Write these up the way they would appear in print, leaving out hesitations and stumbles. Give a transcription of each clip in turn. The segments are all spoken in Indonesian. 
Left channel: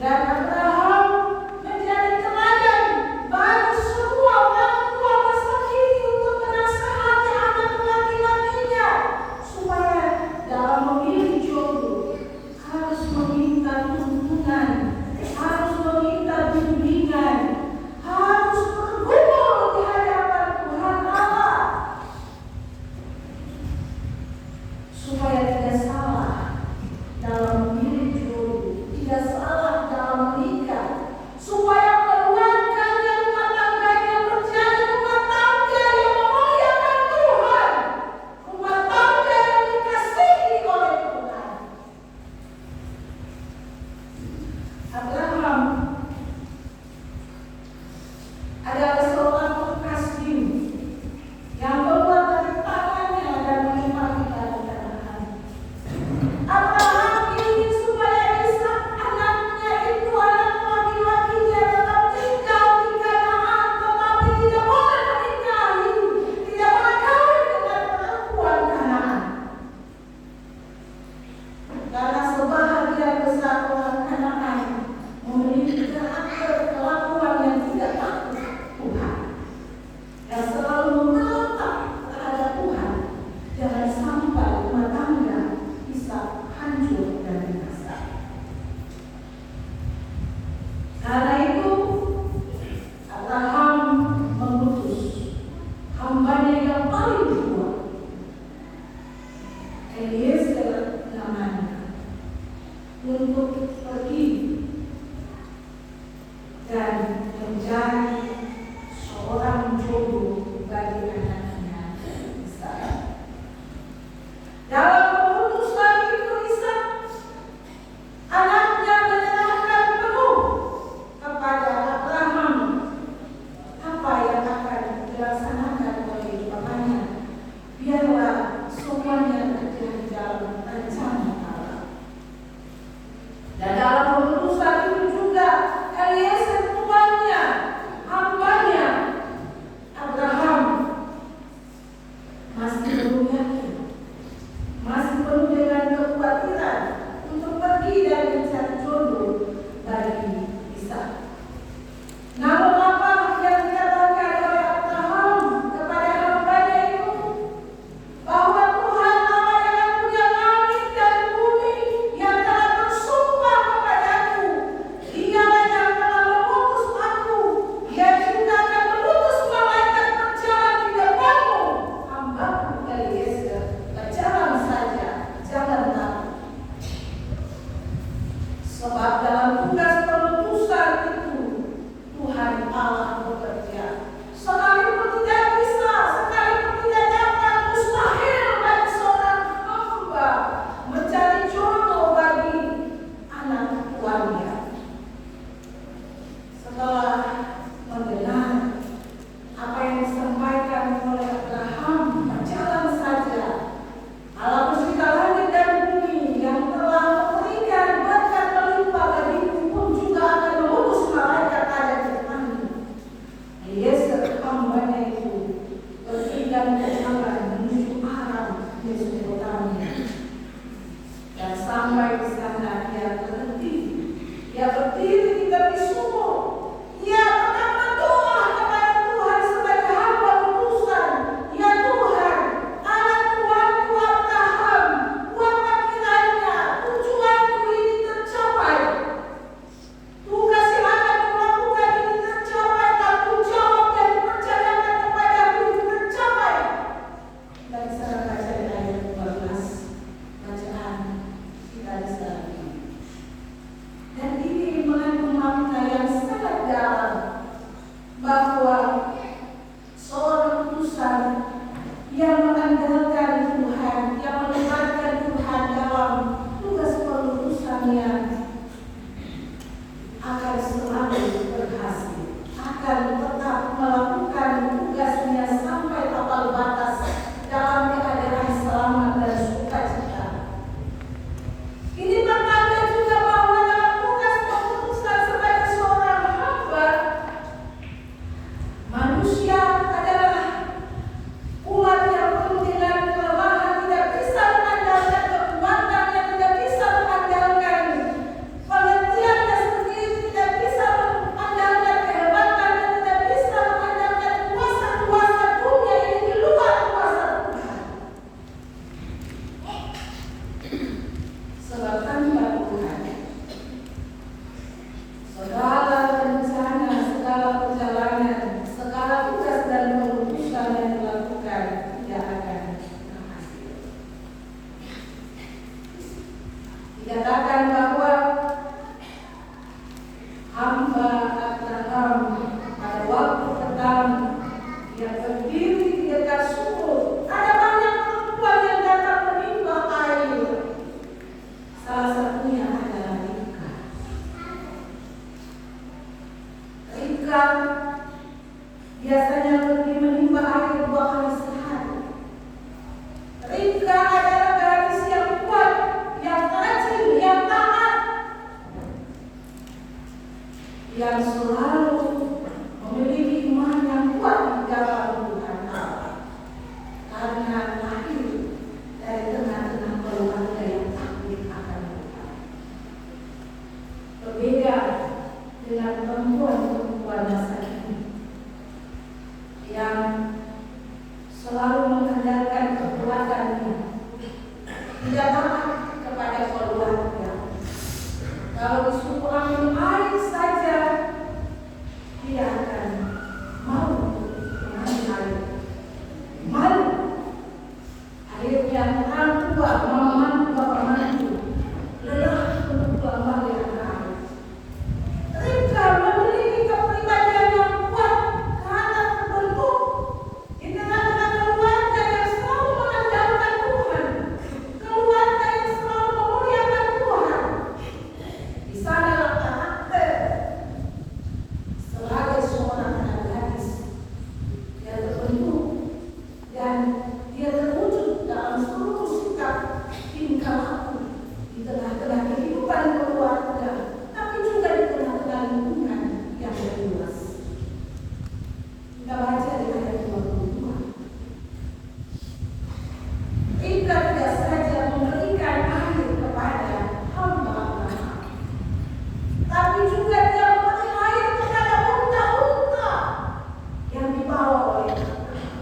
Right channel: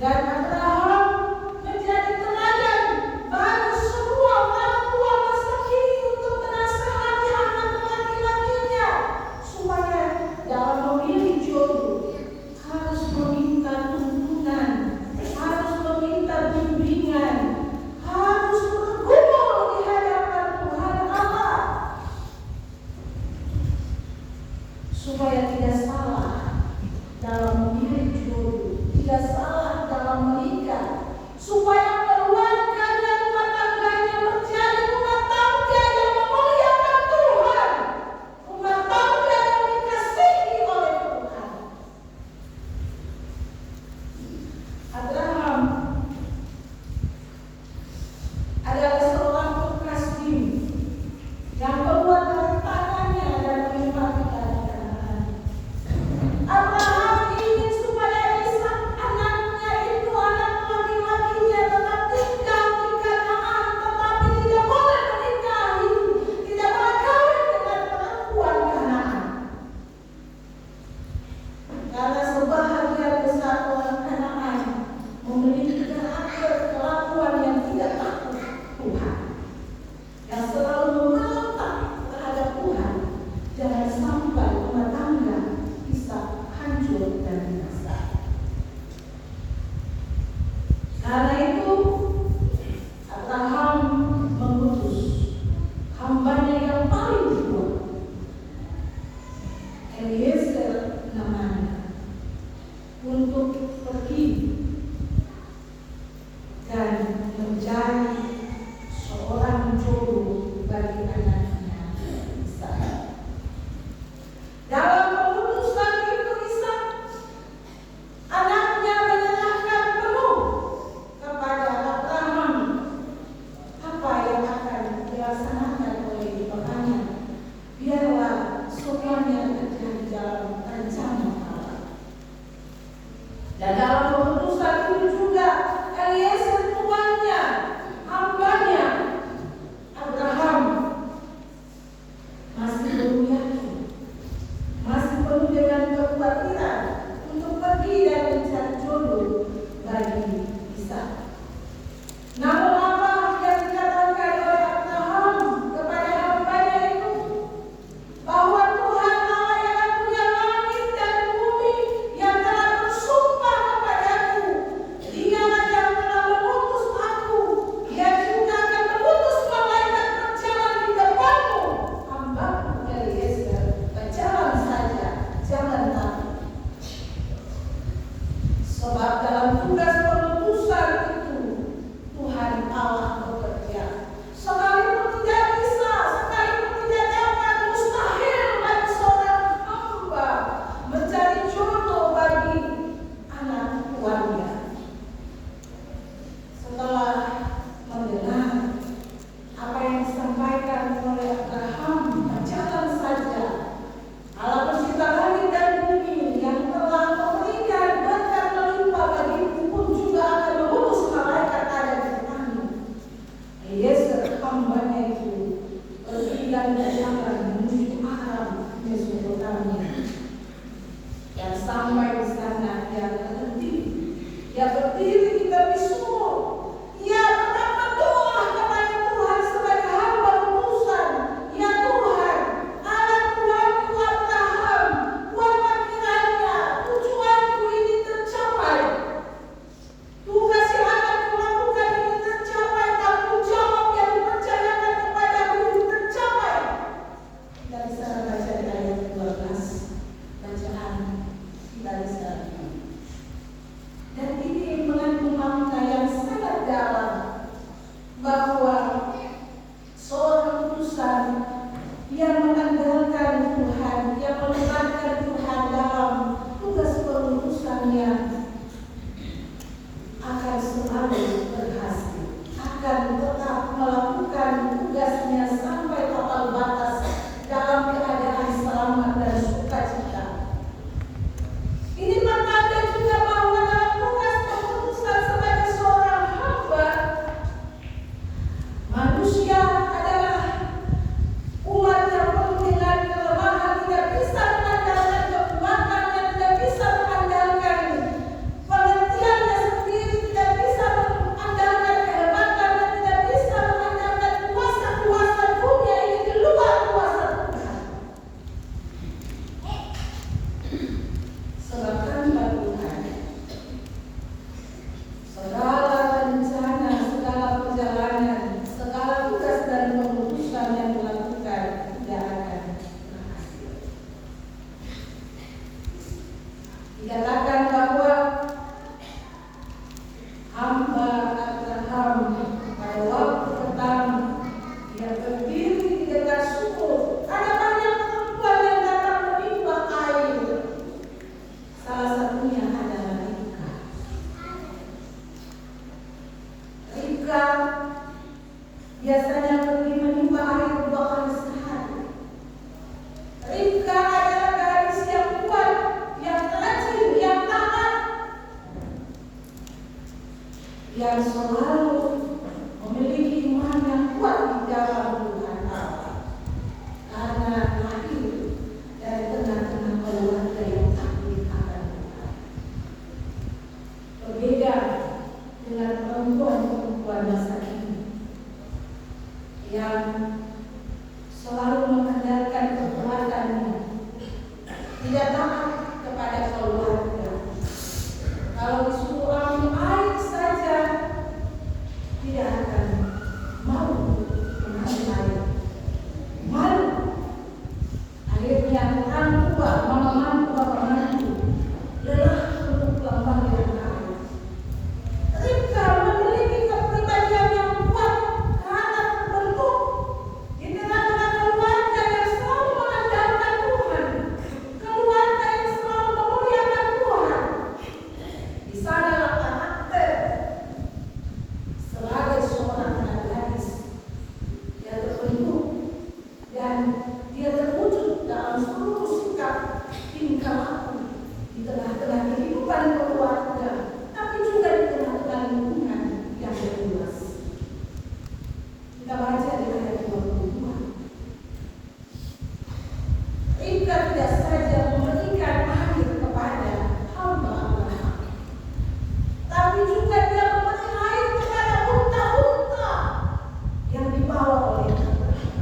Dan Abraham menjadi teladan bagi semua orang tua masa biasanya pergi menimba air 2 kali sehari. Ribka adalah gadis yang kuat, yang rajin, yang taat, yang selalu memiliki iman yang kuat di dalam Tuhan Allah, karena lahir dari tengah-tengah keluarga yang takut akan Tuhan. Berbeda dengan perempuan-perempuan masa kini yang selalu mengandalkan kekuatannya, tidak taat kepada keluarga. Kalau disuruh ambil air saja, dia akan mau mengambil air. Malu. Akhirnya orang tua, mama mantu, bapak mantu lelah untuk pulang balik ke air. Ribka memiliki kepribadian yang kuat karena terbentuk di tengah-tengah keluarga yang selalu mengandalkan Tuhan, keluarga yang selalu memuliakan Tuhan. Di sanalah karakter sebagai seorang anak gadis yang terbentuk dan dia terwujud dalam seluruh sikap tingkah laku di tengah-tengah kehidupan keluarga, tapi juga di tengah-tengah lingkungan yang luas. Kita baca di ayat 22. Ribka tidak saja memberikan air kepada hamba Abraham, tapi juga dia memberi air kepada unta-unta yang dibawa oleh Abraham.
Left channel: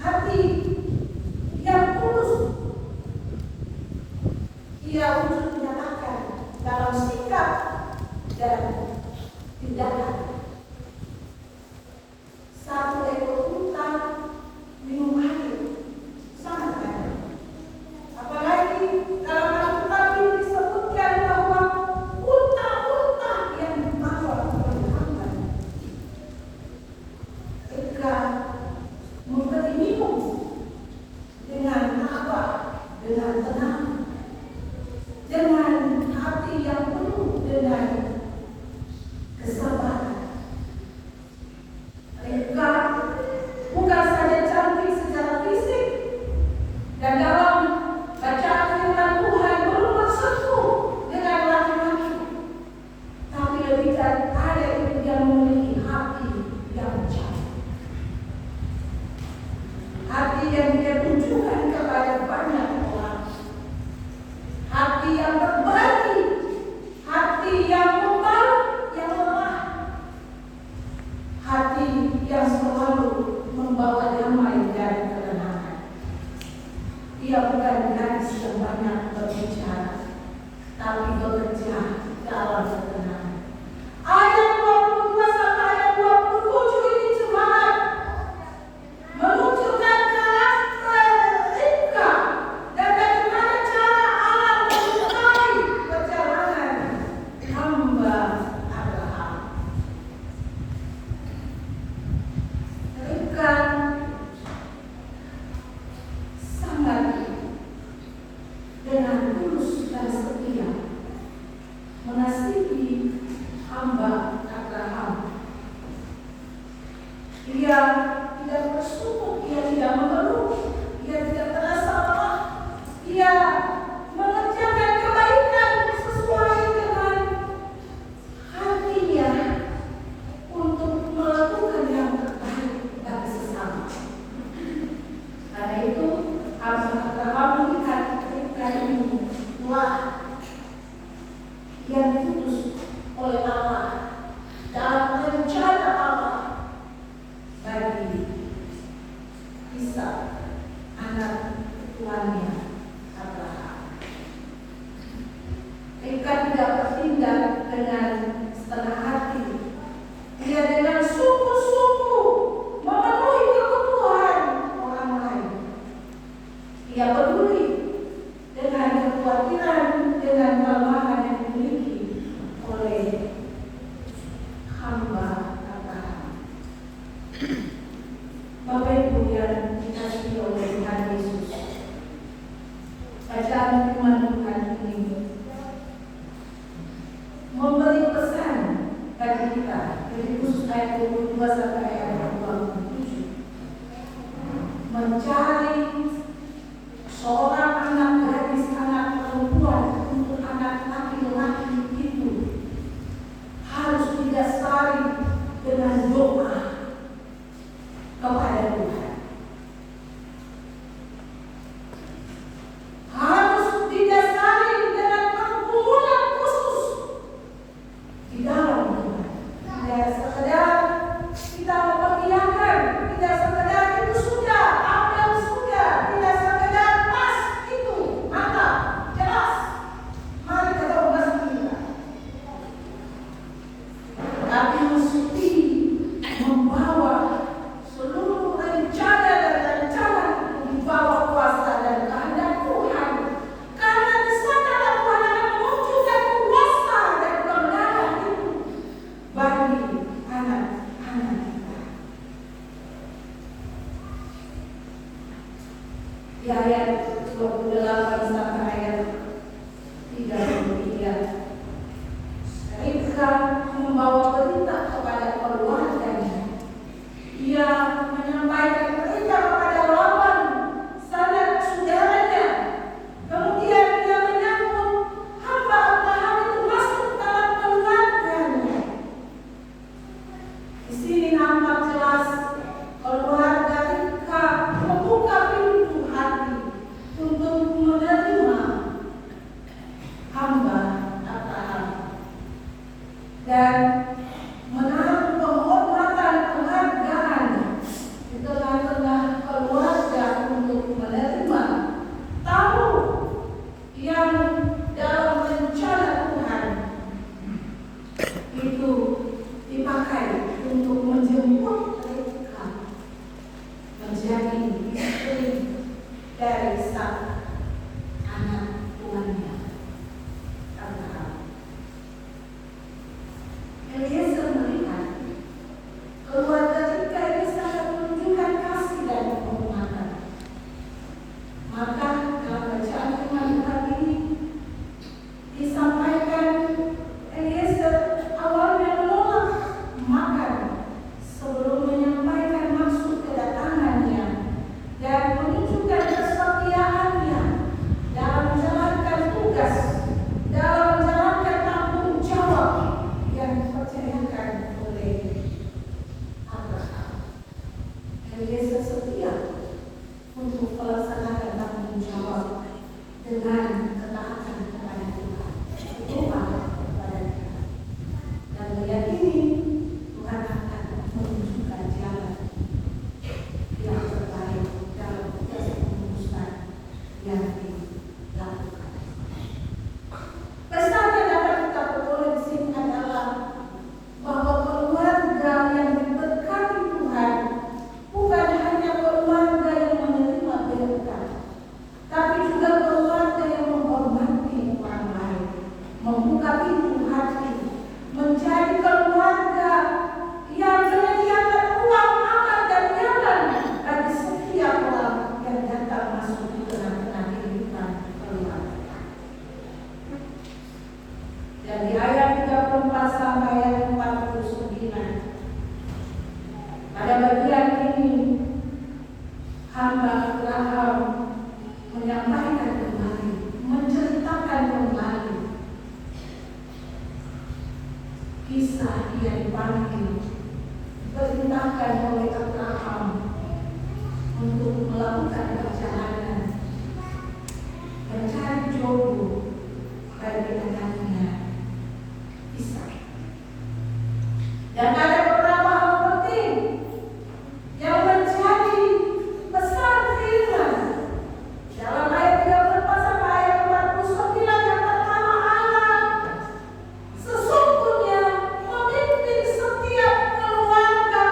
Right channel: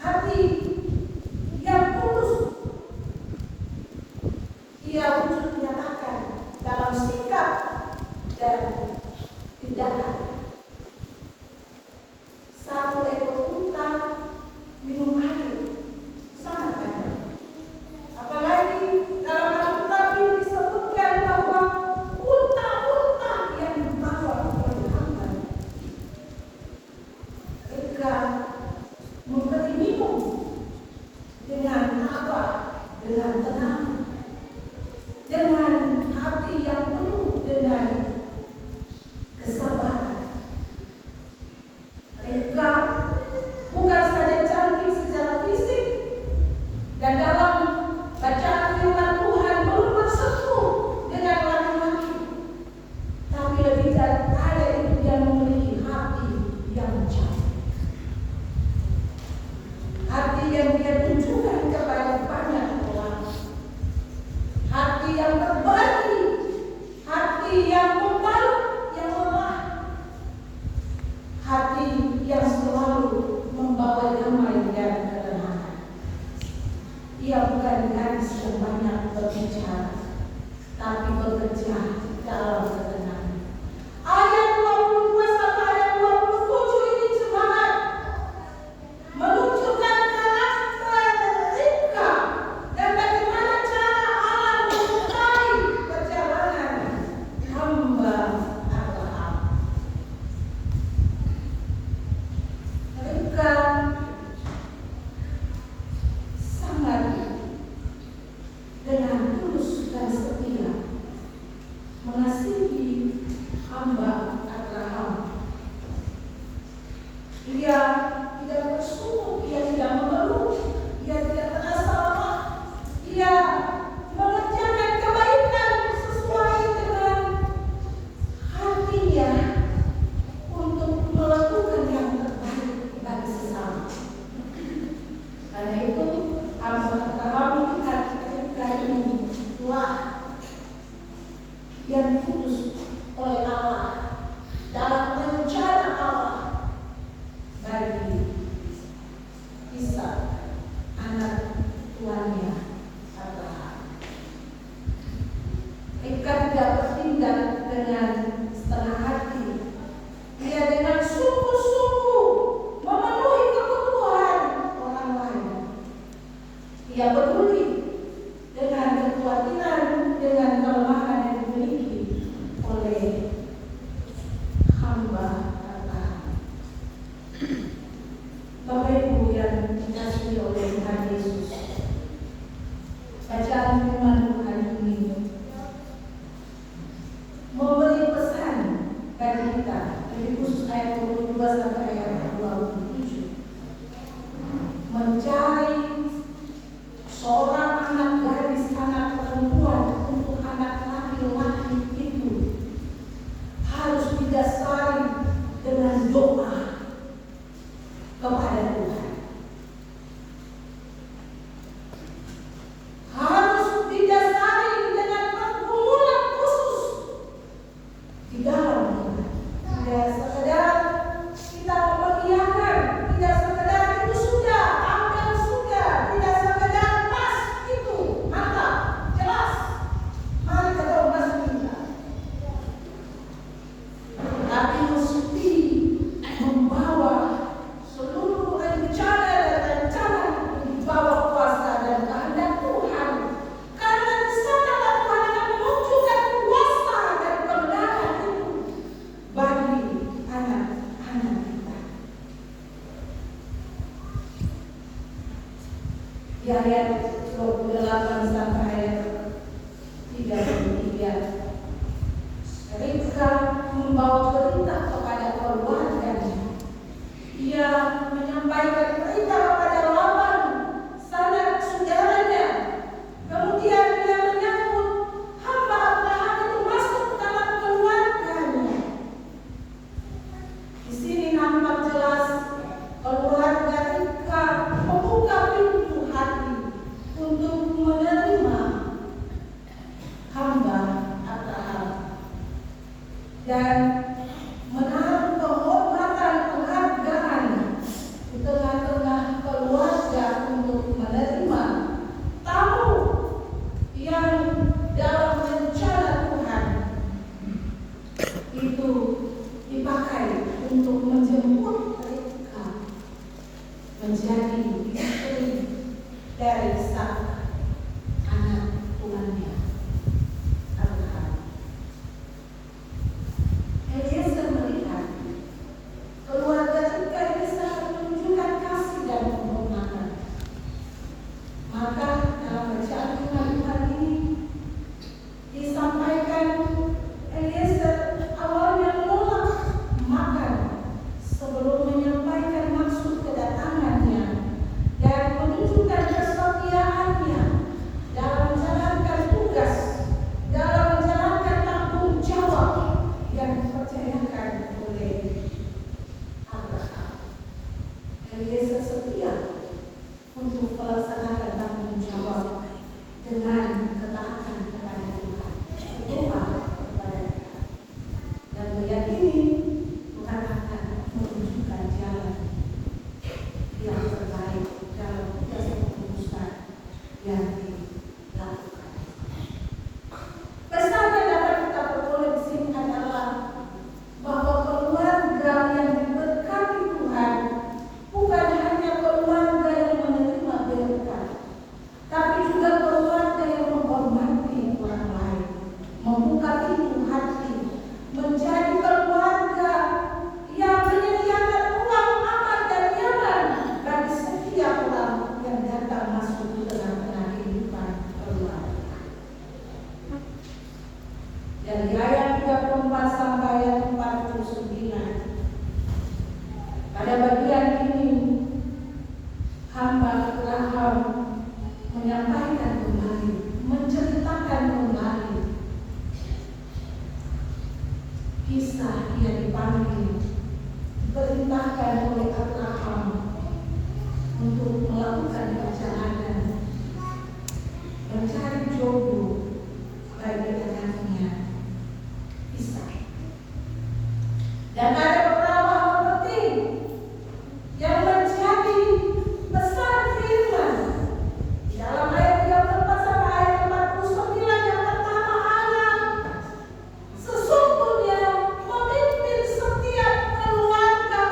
Hati yang tulus ia wujud menyatakan dalam sikap dan tindakan. 1 ekor unta minum air sangat banyak. Apalagi dalam Alkitab disebutkan bahwa unta-unta yang dibawa oleh hamba. Ribka memberi minum dengan tabah, dengan tenang, dengan hati yang penuh dengan kesabaran. Ribka bukan saja cantik secara fisik dan dalam bacaan firman Tuhan belum bersentuh dengan laki-laki, tapi lebih daripada itu dia memiliki hati yang cantik, hati yang dia tunjukkan kepada banyak orang, hati yang berbagi, hati yang membalut, yang lemah, hati yang selalu membawa damai dan ketenangan. Ia bukan gadis yang banyak berbicara, tapi bekerja dalam ketenangan. Ayat 22 sampai ayat 27 ini semangat menunjukkan karakter Ribka dan bagaimana cara Allah menyertai perjalanan hamba Abraham. Ribka sangat dengan tulus dan setia mengasihi hamba Abraham. Dia tidak bersungut, dia tidak mengeluh, dia tidak terasa lemah. Dia mengerjakan kebaikan sesuai dengan hatinya untuk melakukan yang terbaik bagi sesama. Karena itu hamba Abraham melihat Ribka ini, wah, yang diputus oleh Allah dalam rencana Allah bagi Ishak, anak tuannya Abraham. Ribka tidak bertindak dengan setengah hati. Ia dengan sungguh-sungguh memenuhi kebutuhan orang lain. Ia peduli dengan kekhawatiran, dengan kelemahan yang dimiliki oleh hamba Abraham. Bapak Ibu yang dikasihi oleh Tuhan Yesus, bacaan firman Tuhan ini memberi pesan bagi kita, jadi khusus ayat 22 sampai ayat 27 mencari seorang anak gadis, anak perempuan untuk anak laki-laki itu harus didasari dengan doa kepada Tuhan. Harus didasari dengan pergumulan khusus di dalam Tuhan. Tidak sekedar kita memperlihatkan, tidak sekedar itu sudah, ambil sudah, tidak sekedar pas itu, mantap, jelas. Mari kita masuk kita. Tapi mesti membawa seluruh rencana dan rencana membawa kuasa dan kehendak Tuhan. Karena di sanalah Tuhan akan menunjukkan kuasa dan kebenaran itu bagi anak-anak kita. Di ayat 28 sampai ayat 33 Ribka membawa berita kepada keluarganya. Ia menyampaikan berita kepada Laban, sanak saudaranya. Kemudian ia menyambut hamba Abraham itu masuk dalam keluarganya. Di sini nampak jelas keluarga Ribka membuka pintu hati untuk menerima hamba Abraham dan menaruh penghormatan penghargaan di tengah-tengah keluarga untuk menerima tamu yang dalam rencana Tuhan itu dipakai untuk menjemput mereka menjadi istri dari sang anak tuannya Abraham. Eliezer melihat keluarga Ribka ini sangat menunjukkan kasih dan penghormatan. Maka dalam bacaan firman Tuhan ini disampaikan Eliezer awalnya menolak makan sebelum menyampaikan maksud kedatangannya dan menunjukkan kesetiaannya dalam menjalankan tugas, dalam menjalankan tanggung jawab yang dipercayakan oleh Abraham. Eliezer setia untuk melaksanakan tanggung jawab dengan ketaatan kepada Tuhan, berdoa kepada Tuhan, dan meyakini Tuhan akan menunjukkan jalan yang terbaik dalam tugas pengurusan yang dilakukan. Pesan yang dapat kita peroleh di sini adalah bahwa keluarga yang diberkati Tuhan bukan hanya keluarga yang menerima berkat, tapi juga keluarga yang menghormati orang lain, membuka pintu hati, menjadi keluarga yang menyediakan ruang makan dan nyaman bagi setiap orang yang datang masuk di tengah-tengah kehidupan keluarga. Dan di ayat 34 sampai ayat 49 pada bagian ini hamba Abraham menyampaikan kembali, menceritakan kembali kisah dia dipanggil, diperintahkan oleh Abraham untuk melakukan perjalanan mencari jodoh bagi anaknya Ishak. Dan ada beberapa hal penting yang menjadi pesan firman dalam ayat 34 sampai ayat 49. Yang pertama, Allah sesungguhnya memimpin setiap keluarga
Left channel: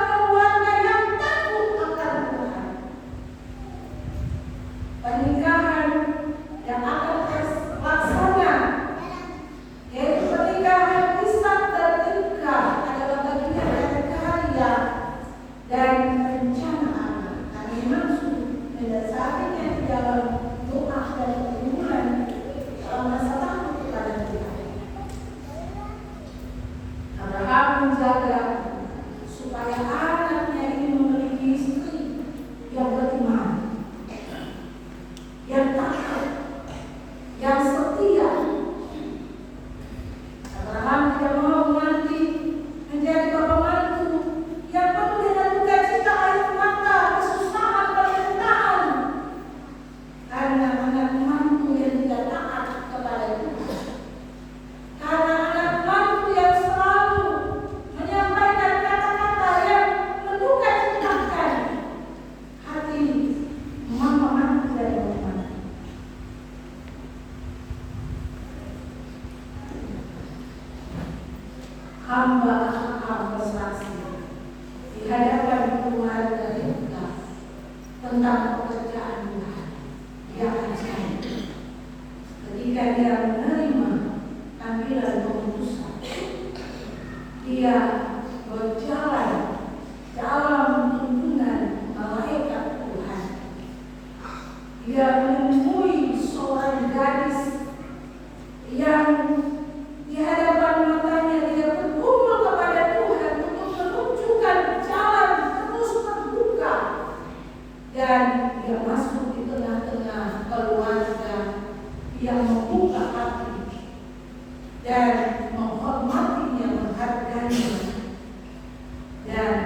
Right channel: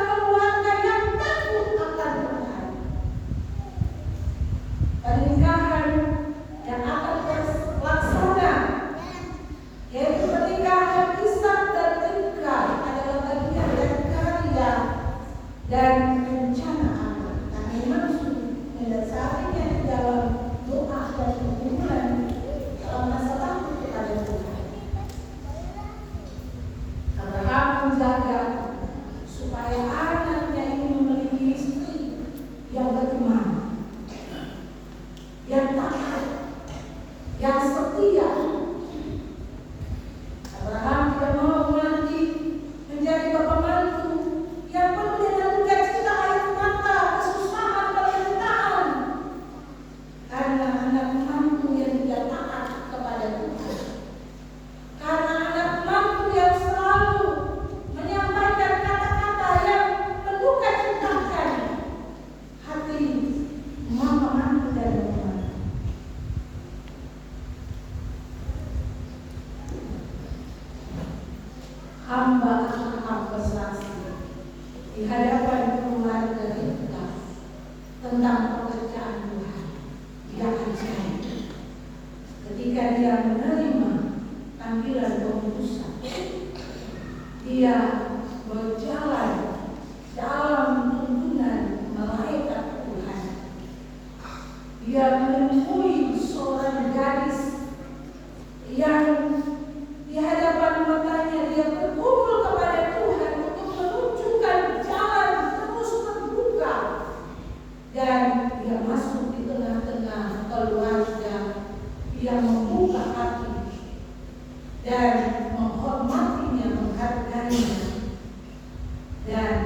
dan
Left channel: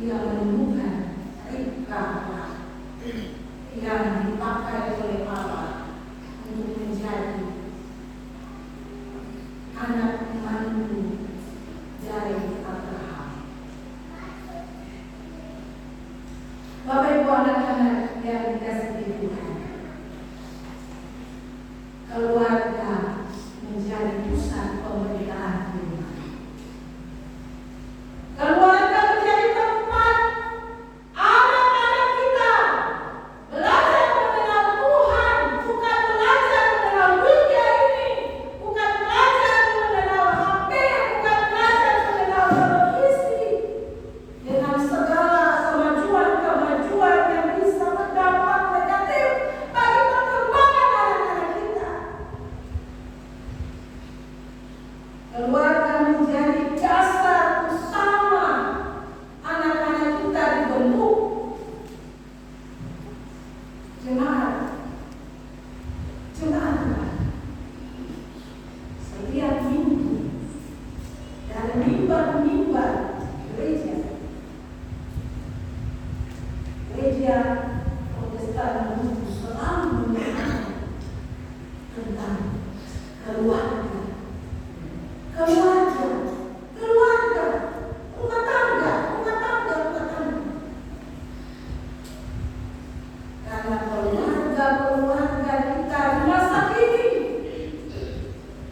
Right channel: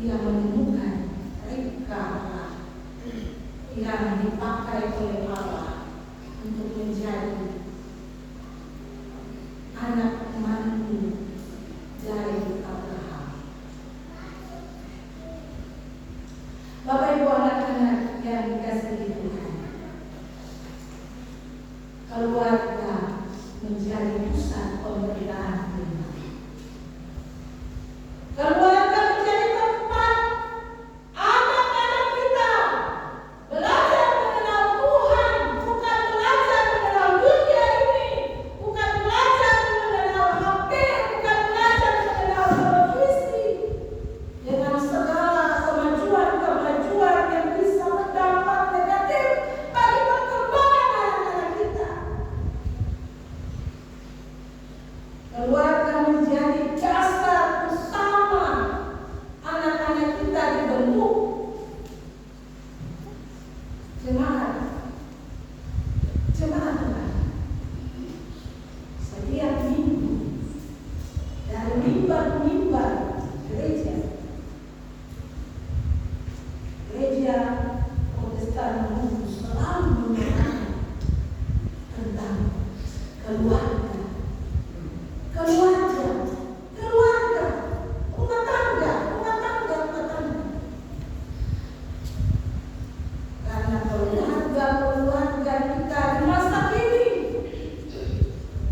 ia menemukan Ribka yang dipakai oleh Allah untuk menjadi anak mantu dari Abraham. Bapak Ibu anak-anak yang dikasihi Tuhan, keluarga menjadi pusat pemberitaan Tuhan. Keluarga menjadi tempat anak-anak kita belajar mengenal Tuhan, bukan belajar mengenal dunia ini, bukan belajar mengenal HP, bukan belajar mengenal televisi, dengan segala kemajuan-kemajuan yang bisa berdampak negatif bagi perkembangan anak-anak kita. Keluarga menjadi dasar utama anak-anak kita dibentuk. Jemaat Tuhan, setiap minggu dari mimbar-mimbar gereja Protestan selalu menyatakan tentang keluarga, rumah tangga. Karena keluarga kita di masa kini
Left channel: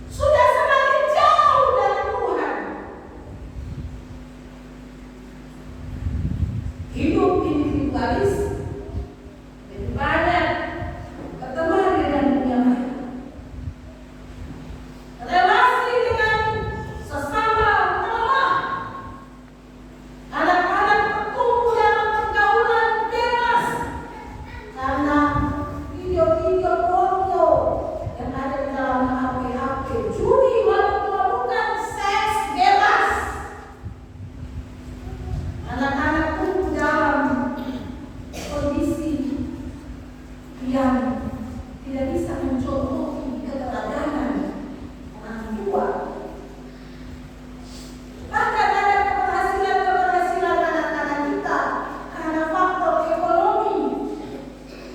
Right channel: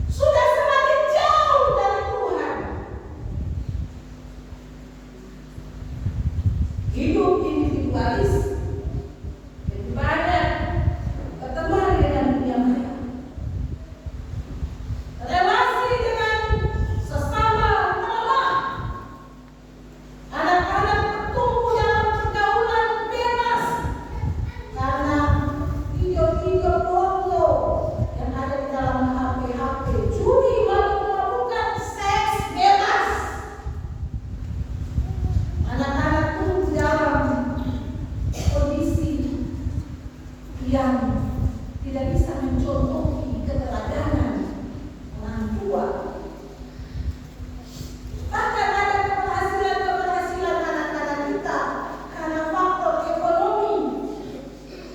sudah semakin jauh dari Tuhan. Hidup individualis, lebih banyak berteman dengan dunia maya. Relasi dengan sesama melemah. Anak-anak bertumbuh dalam pergaulan bebas karena video-video porno yang ada di dalam HP, judi, mabuk-mabukan, seks bebas. Anak-anak tumbuh dalam kondisi yang tidak bisa mencontohi keteladanan orang tua. Bahkan ada keberhasilan anak-anak kita karena faktor ekonomi.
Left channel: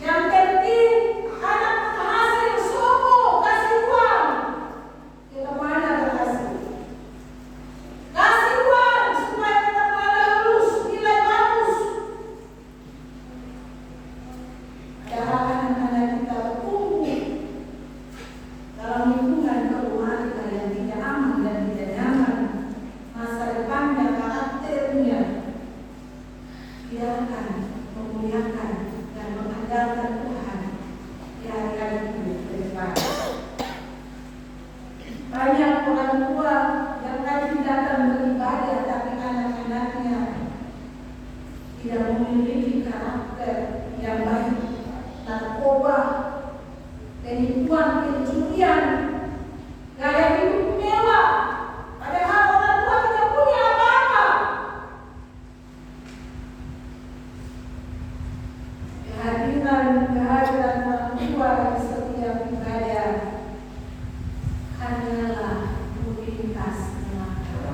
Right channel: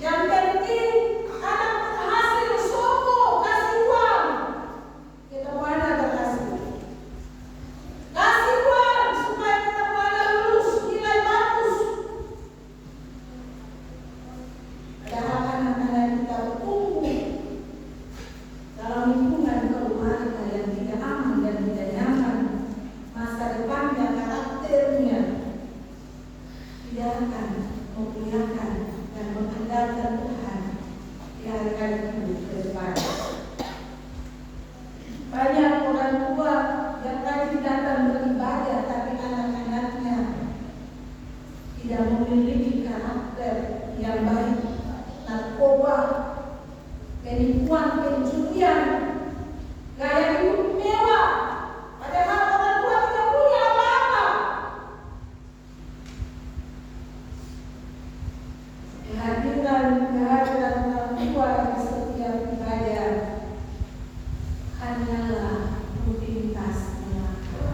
Yang penting anak berhasil, soko, kasih uang. Kita mana berhasil? Kasih uang supaya kita pada lulus, nilai bagus. Padahal anak-anak kita bertumbuh dalam lingkungan keluarga yang tidak aman dan tidak nyaman. Masa depannya, karakternya biarkan memuliakan dan mengandalkan Tuhan di hari-hari ini ke depan. Banyak orang tua yang rajin datang beribadah, tapi anak-anaknya tidak memiliki karakter yang baik. Narkoba, penipuan, pencurian, gaya hidup mewah, padahal orang tua tidak punya apa-apa. Kehadiran orang tua di setiap ibadah hanyalah rutinitas belaka.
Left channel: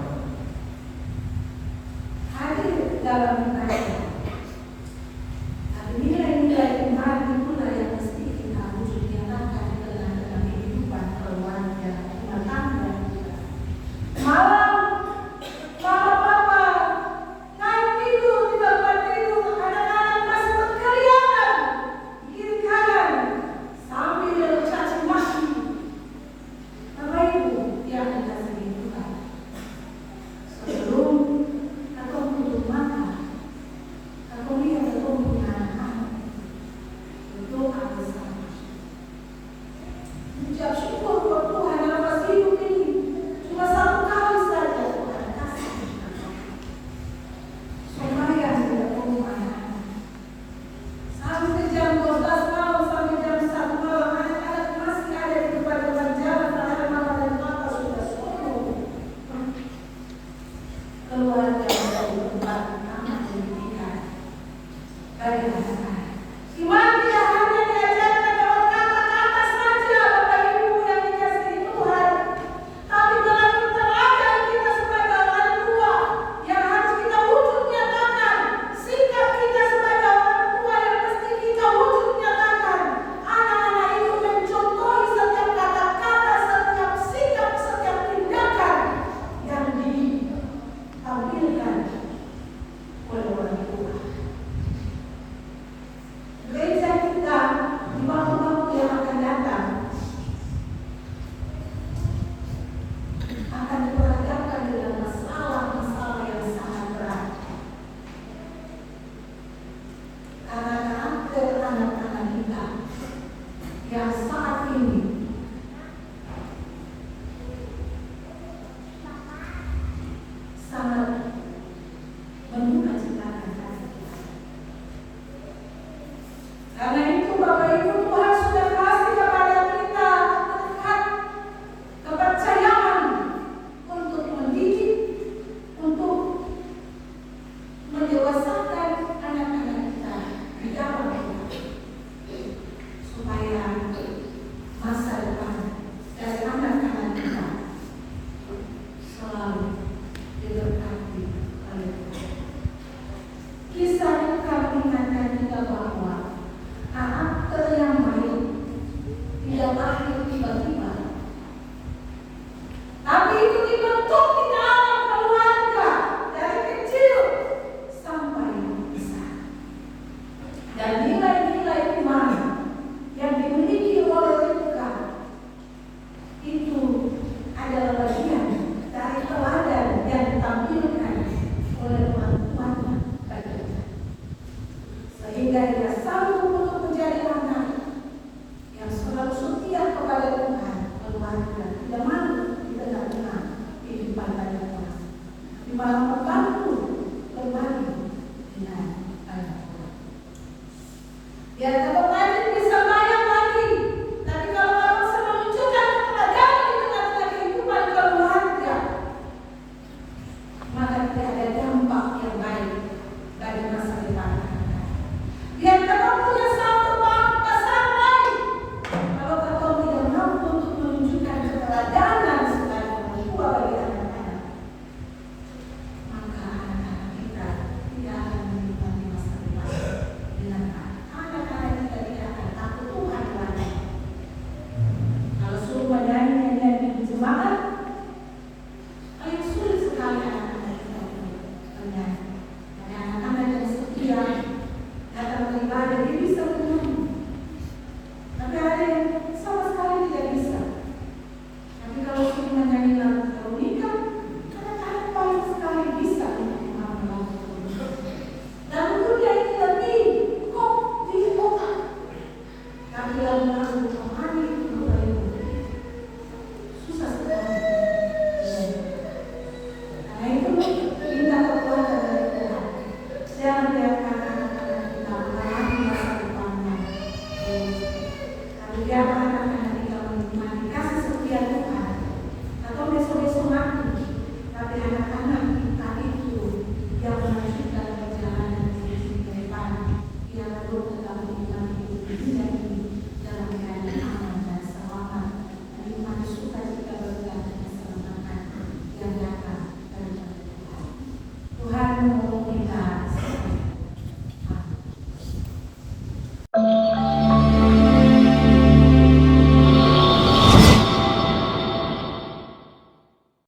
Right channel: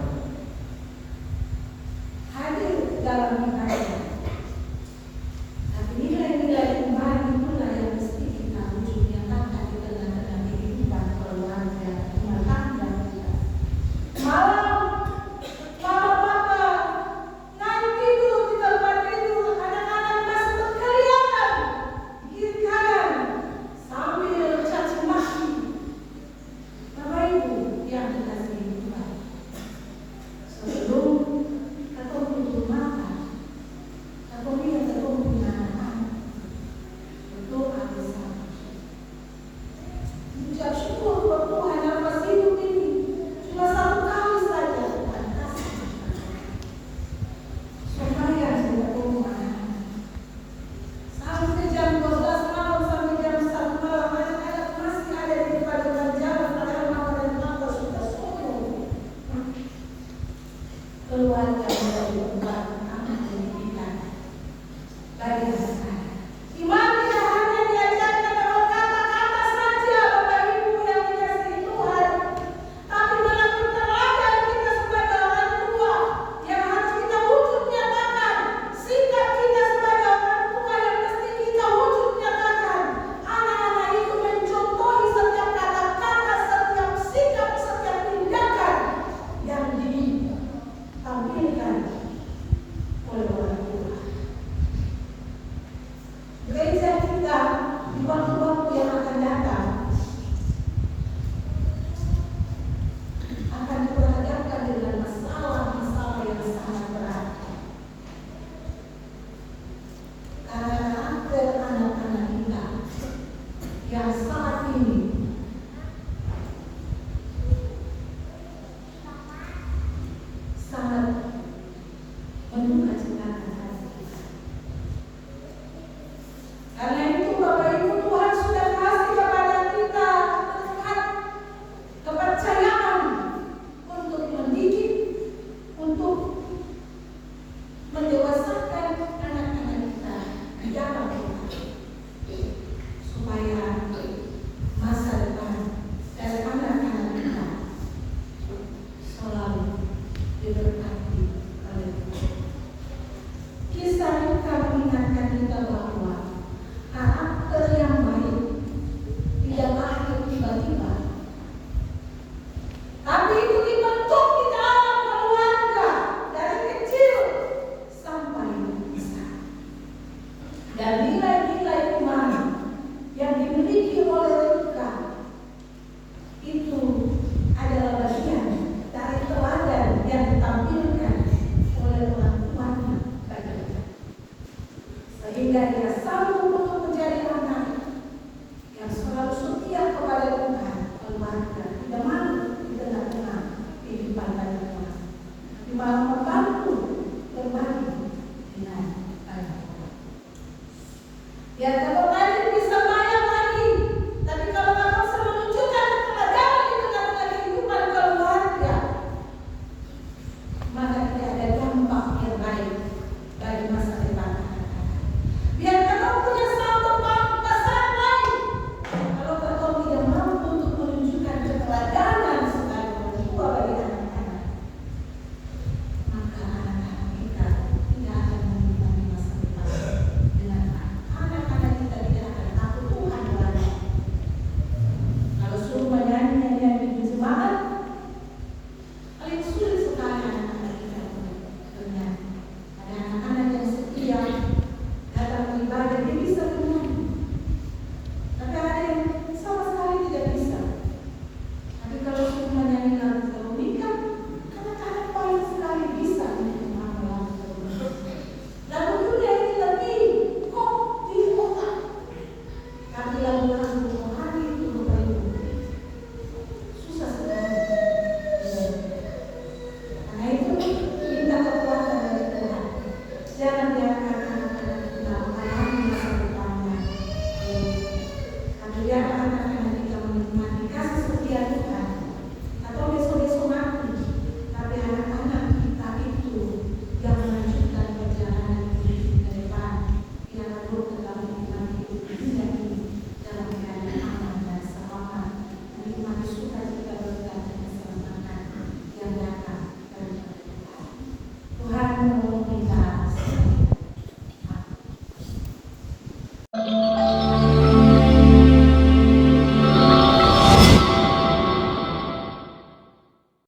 Hadir dalam